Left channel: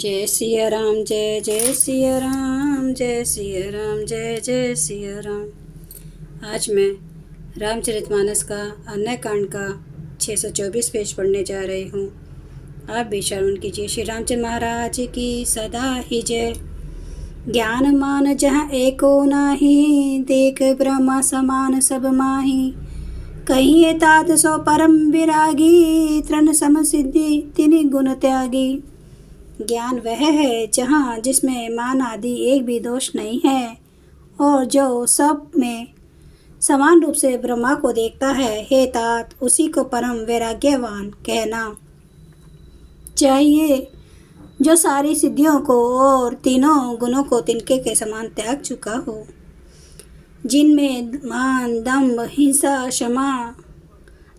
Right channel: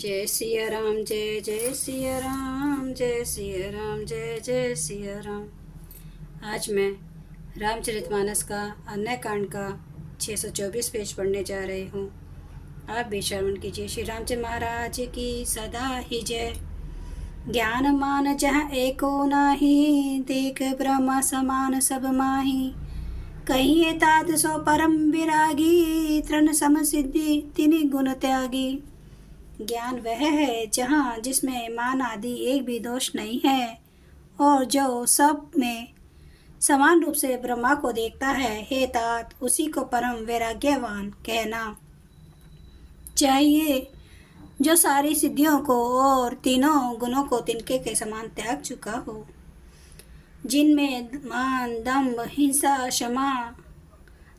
जय सिया राम, जय जय सिया राम, जय सिया राम, जय जय सिया राम। आज मैं रामचरितमानस का अन्य कांड का 624 पेज पढ़ने जा रही हूँ। आप भी श्रवण कीजिए। श्री रामचंद्र महाराज की सदा ही जय। ज्ञान मान जहाँ एको नाही, देख ब्रह्म समान सब माही। कहिए तात सो परम विरागी, तृण सम सिद्धि तिनि गुण त्यागी। ज्ञान वह है जहाँ जिसमें मान आदि एक भी दोष नहीं है, और जो सब में समान रूप से ब्रह्मा को देखता है। हे तात, उसी को परम वैराग्यवान कहना चाहिए, जो सारी सिद्धियों को और तीनों गुणों को तिनके के समान त्याग चुका हो, जिनमें मान, दम्भ, हिंसा, क्षमा,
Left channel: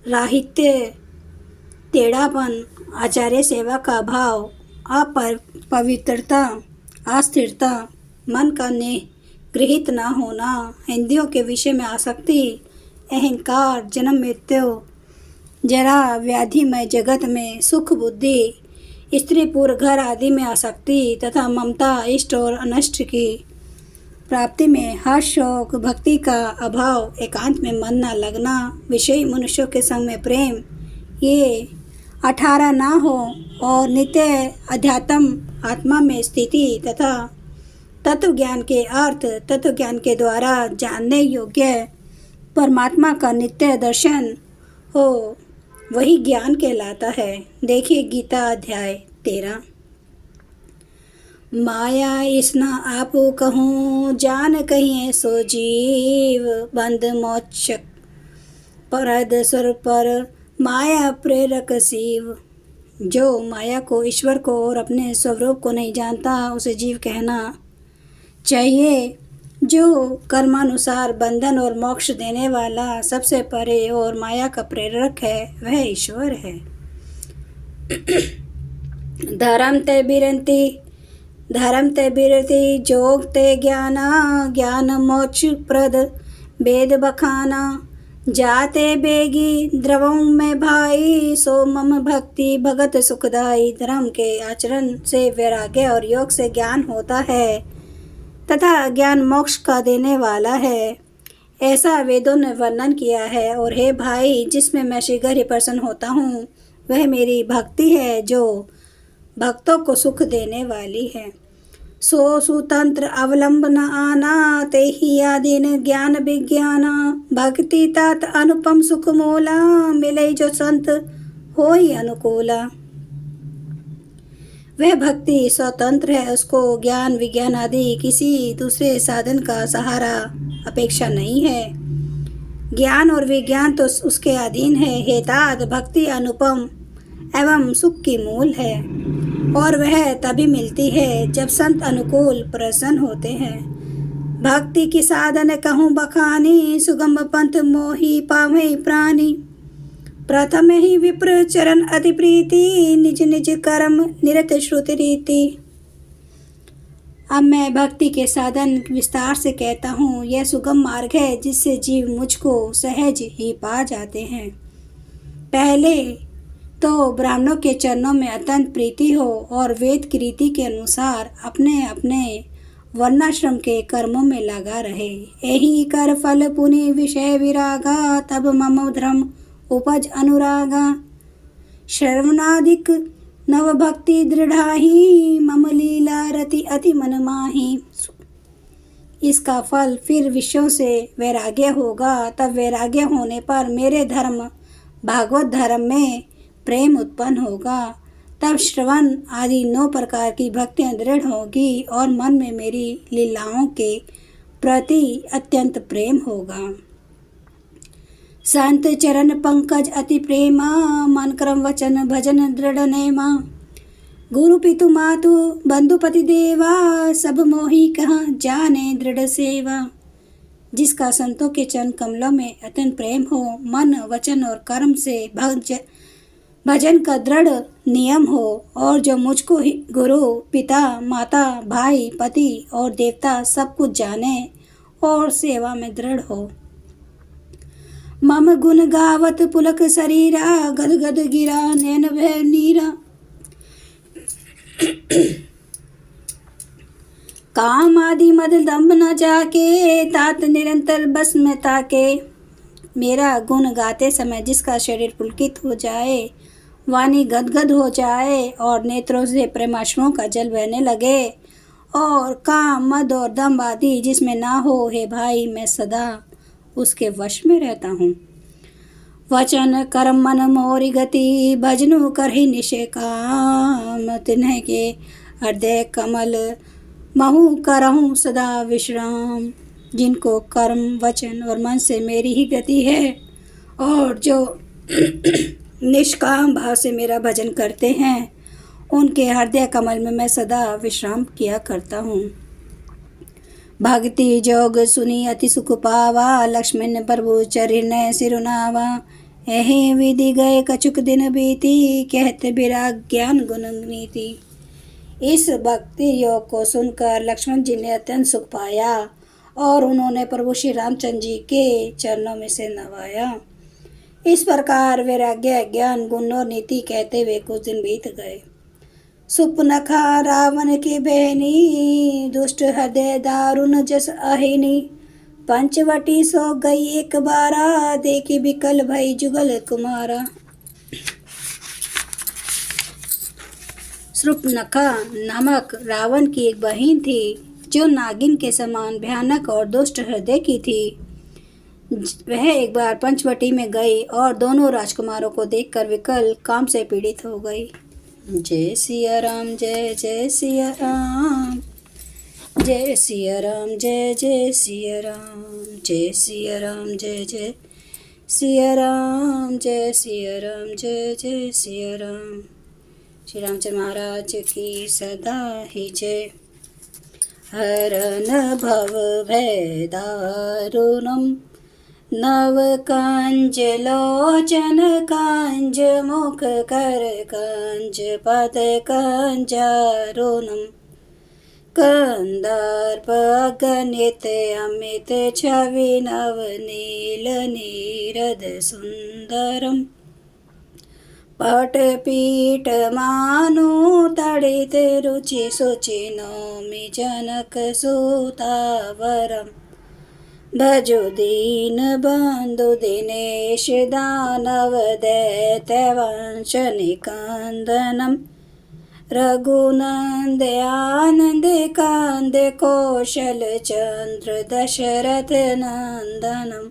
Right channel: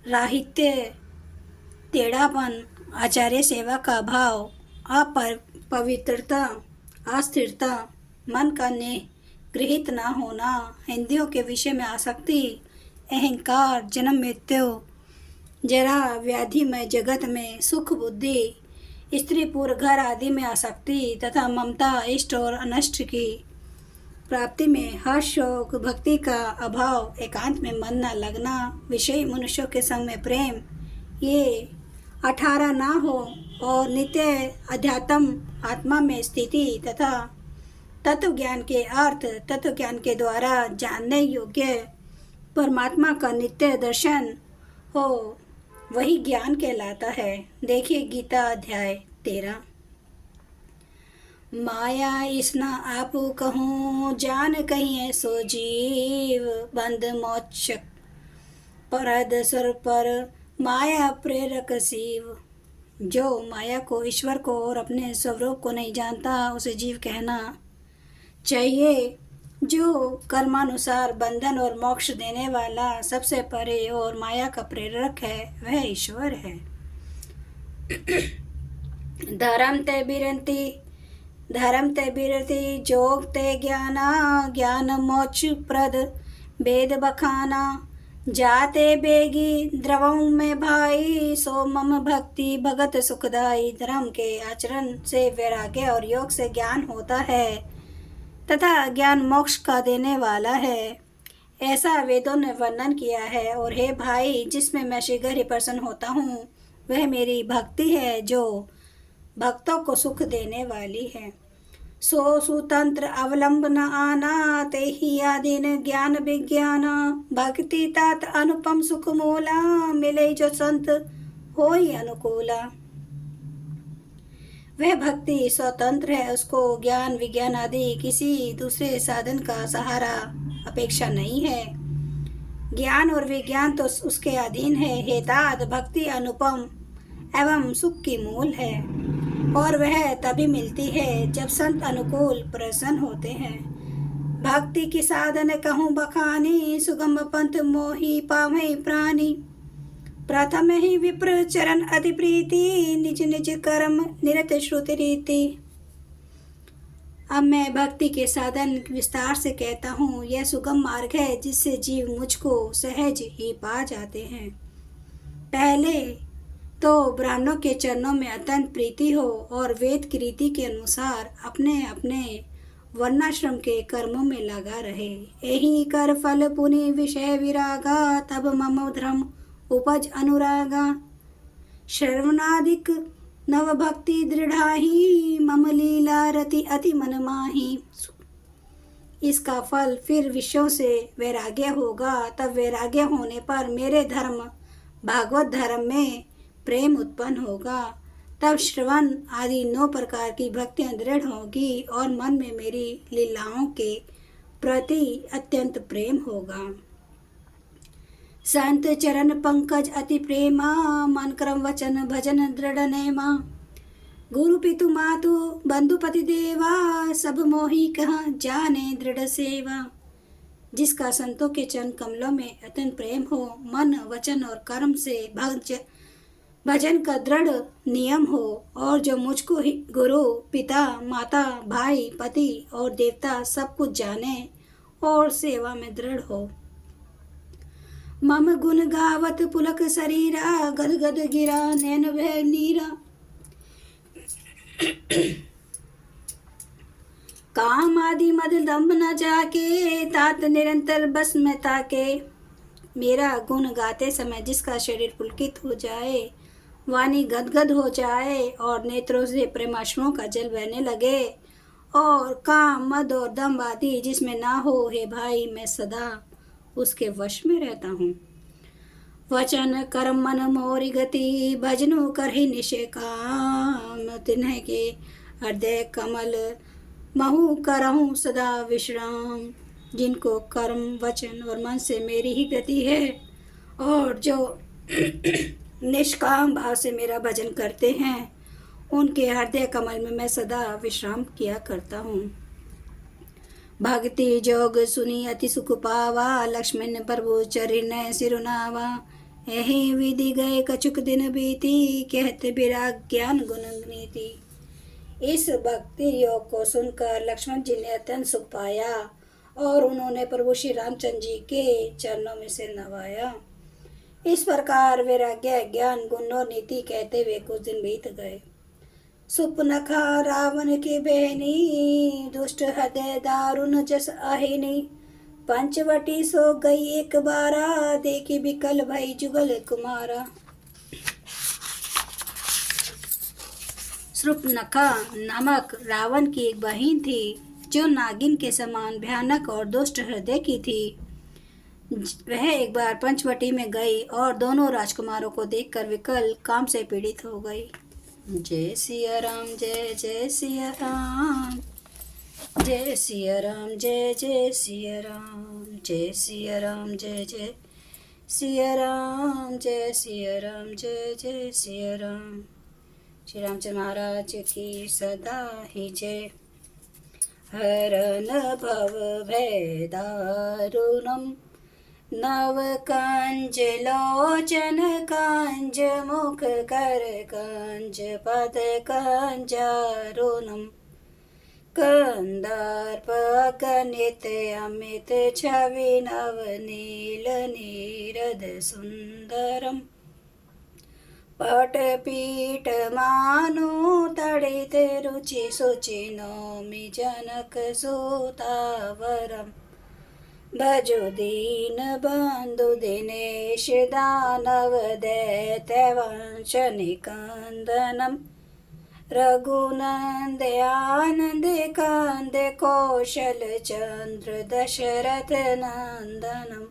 राहित्य, टेढ़ापन, आचार्य सेवा का भाव, अपवित्रता, अस्थिरता, मन का निगृहित न होना, इंद्रियों के विषय में आसक्ति, अहंकार, जन्म मृत्यु, जरा व्याधिमय जगत में सुख बुद्धि, स्त्री पुरुष घर आदि में आसक्ति तथा ममता, इष्ट और अनिष्ट की प्राप्ति में हर्ष, शौक, भक्ति का अभाव, एकांत में मन न लगना, विषयी मनुष्यों के संग में प्रेम, ये 18 ना हो, और नित्य अध्यात्म आत्मा में स्थिति तथा तत्व ज्ञान के अर्थ, तत्व ज्ञान के द्वारा जानने योग्य परमात्मा का नित्य दर्शन हो, वही ज्ञान कहलाता है। देखिए गीता अध्याय 13। माया इसना आप कहूँ, जान कहिए सो जीव, बंद मोक्ष परद सुर पर माया प्रेरक शिव। जो माया को, ईश्वर को और अपने स्वरूप को नहीं जानता, उसे जीव कहना चाहिए। जो कर्मानुसार बंधन और मोक्ष देने वाला, सबसे परे और माया का प्रेरक है, वह ईश्वर है। धर्म ते बिरति जोग ते ज्ञाना, ज्ञान मोक्ष प्रद वेद बखाना। जाते बेगी द्रवों में भाई, सो मम भक्ति भगत सुखदाई। धर्म के आचरण से वैराग्य और योग से ज्ञान होता है तथा ज्ञान मोक्ष का देने वाला है, ऐसा वेदों ने वर्णन किया है। और हे भाई, जिसमें मैं शीघ्र ही प्रसन्न होता हूँ, वह मेरी भक्ति है, जो भक्तों को सुख देने वाली है। सो सुतंत्र अवलंब न आना, ते ही आदीन ज्ञान विज्ञाना। भक्ति तात अनुपम सुख मोला, मिले जो संत होई अनुकूला। वह भक्ति स्वतंत्र है, उसको ज्ञान विज्ञान आदि किसी दूसरे साधन का सहारा अपेक्षा नहीं है। ज्ञान और विज्ञान तो उसके अधीन है। हे तात, भक्ति अनुपम एवं सुख की मूल है, और वह तभी मिलती है जब संत अनुकूल प्रसन्न होते हैं। भक्ति की साधन कहूँ बखानी, सुगम पंथ मोहि पावै प्राणी। प्रथम ही विप्र चरण अति प्रीति, निज निज कर्म निरत श्रुति रीति। अब मैं भक्ति के साधन विस्तार से कहता हूँ। यह सुगम मार्ग है, जिससे जीव मुझको सहज ही पा जाते हैं। पहले तो ब्राह्मणों के चरणों में अत्यंत प्रीति हो, और वेद की रीति के अनुसार अपने अपने वर्णाश्रम के कर्मों में लगा रहे। यही कर फल पुनि विषय विरागा, तब मम धर्म उपज अनुरागा। श्रवणादिक नव भक्ति दृढ़ाही, मम लीला रति अति मन माही। इसका फल फिर विषयों से वैराग्य होगा। तब वैराग्य होने पर मेरे धर्म भागवत धर्म में प्रेम उत्पन्न होगा। तब श्रवण आदि 9 प्रकार की भक्तियां दृढ़ होगी, और मन में मेरी लीलाओं के प्रति अत्यंत प्रेम होगा। संत चरण पंकज अति प्रेमा, मन क्रम वचन भजन दृढ़ नेमा। गुरु पितु मातु बंधु पति देवा, सब मोहि कहाँ जाने दृढ़ सेवा। जिसका संतों के चरण कमलों में अत्यंत प्रेम हो, मन वचन और कर्म से भजन का दृढ़ नियम हो, और जो मुझको ही गुरु पिता माता भाई पति और देवता सब कुछ जाने और सेवा में दृढ़ हो। मम गुण गावत पुलक शरीरा, गद गद गिरा नैन भय नीरा। काम आदि मद दम्भ न जाके, तात निरंतर बस में ताके। मेरा गुण गाते समय जिसका शरीर पुलकित हो जाए, वाणी गदगद हो जाए और नेत्रों से प्रेमाश्रुओं का जल बहने लगे, और काम मद और दम्भ आदि जिसमें ना हो, हे भाई मैं सदा उसके वश में रहता हूँ। वचन कर्म मन मोरी गति, भजनु करहि निशे काम। तिन्ह के हृदय कमल महु करहूँ सदा विश्राम। जिनको कर्म वचन और मन से मेरी ही गति है, और जो निष्काम भाव से मेरा भजन करते हैं, उनके हृदय कमल में मैं सदा विश्राम किया करता हूँ। भक्ति जोग सुनी अति सुख पावा, लक्ष्मण प्रभु चरण सिरुनावा। एहि विधि गए कछुक दिन बीती, कहते विराग ज्ञान गुण नीति। इस भक्ति योग को सुनकर लक्ष्मण जी ने अत्यंत सुख पाया, और उन्होंने प्रभु श्री रामचंद्र जी के चरणों में से नवाया। इस प्रकार वैराग्य ज्ञान गुण और नीति कहते हुए कुछ दिन बीत गए। सुपनखा रावण की बहनी, दुष्ट हृदय दारुण जस अहिनी। पंचवटी सो गई एक बारा, देखी बिकल भई जुगल कुमारा। सुपनखा नामक रावण की एक बहन थी, जो नागिन के समान भयानक और दुष्ट हृदय की थी। वह एक बार पंचवटी में गई और दोनों राजकुमारों को देखकर विकल काम से पीड़ित हो गई। जय सिया राम जय जय सिया राम, जय सिया राम जय जय सिया राम, जय सिया राम जय जय सिया राम, जय सिया राम जय जय सिया राम। श्री रामचंद्र महाराज की सदा ही जय। हरन भव भय दारुणम, नव कांज लोचन कांज मुख कर कांज पद कांजारुणम। कंदार्प गणित अमित छवि नव नील नीरद सुंदरम। पट पीठ मानु तड़ित रुचि सुचि नौमि जनक सुतावरम। भजो दीन बंधु दिनेश दानव दैत्य वंश निकंदनम। रघुनंद आनंद कांद कौशल चंद्र दशरथ नंदनम।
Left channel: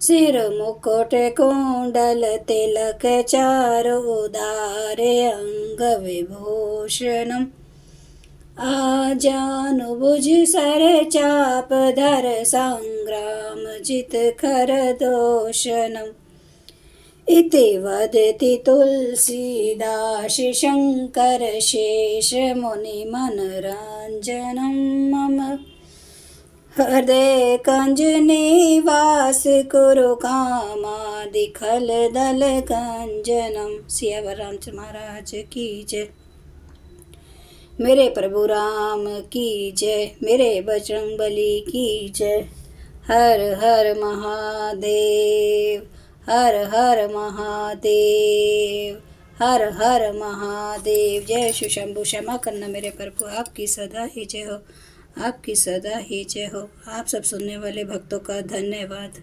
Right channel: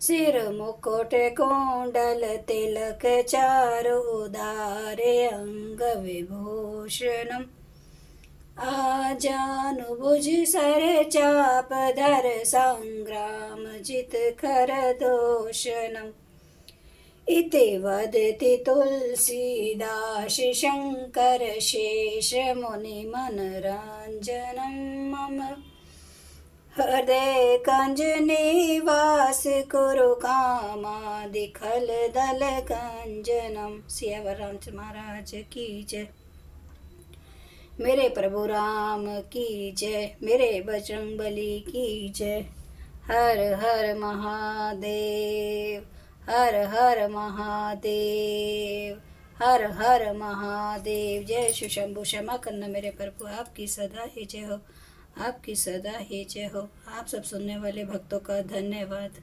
सिर मुकुट कुंडल तिलक चारु उदार अंग विभूषणम। आजानुभुज सर चाप धर संग्राम जित खर दोषणम। इति वदति तुलसीदास शंकर शेष मुनि मनोरंजनम। मम हृदय कंज निवास कुरु कामादि खल दल कंजनम। सिया रामचंद्र महाराज की जय। मेरे प्रभु राम की जय, मेरे बजरंगबली की जय। हर हर महादेव, हर हर महादेव, हर हर महादेव। जय शिव शंभु। क्षमा करना मेरे प्रभु, आपकी सदा ही जय हो, आपकी सदा ही जय हो। आप सब सुनने वाले भक्तों का धन्यवाद।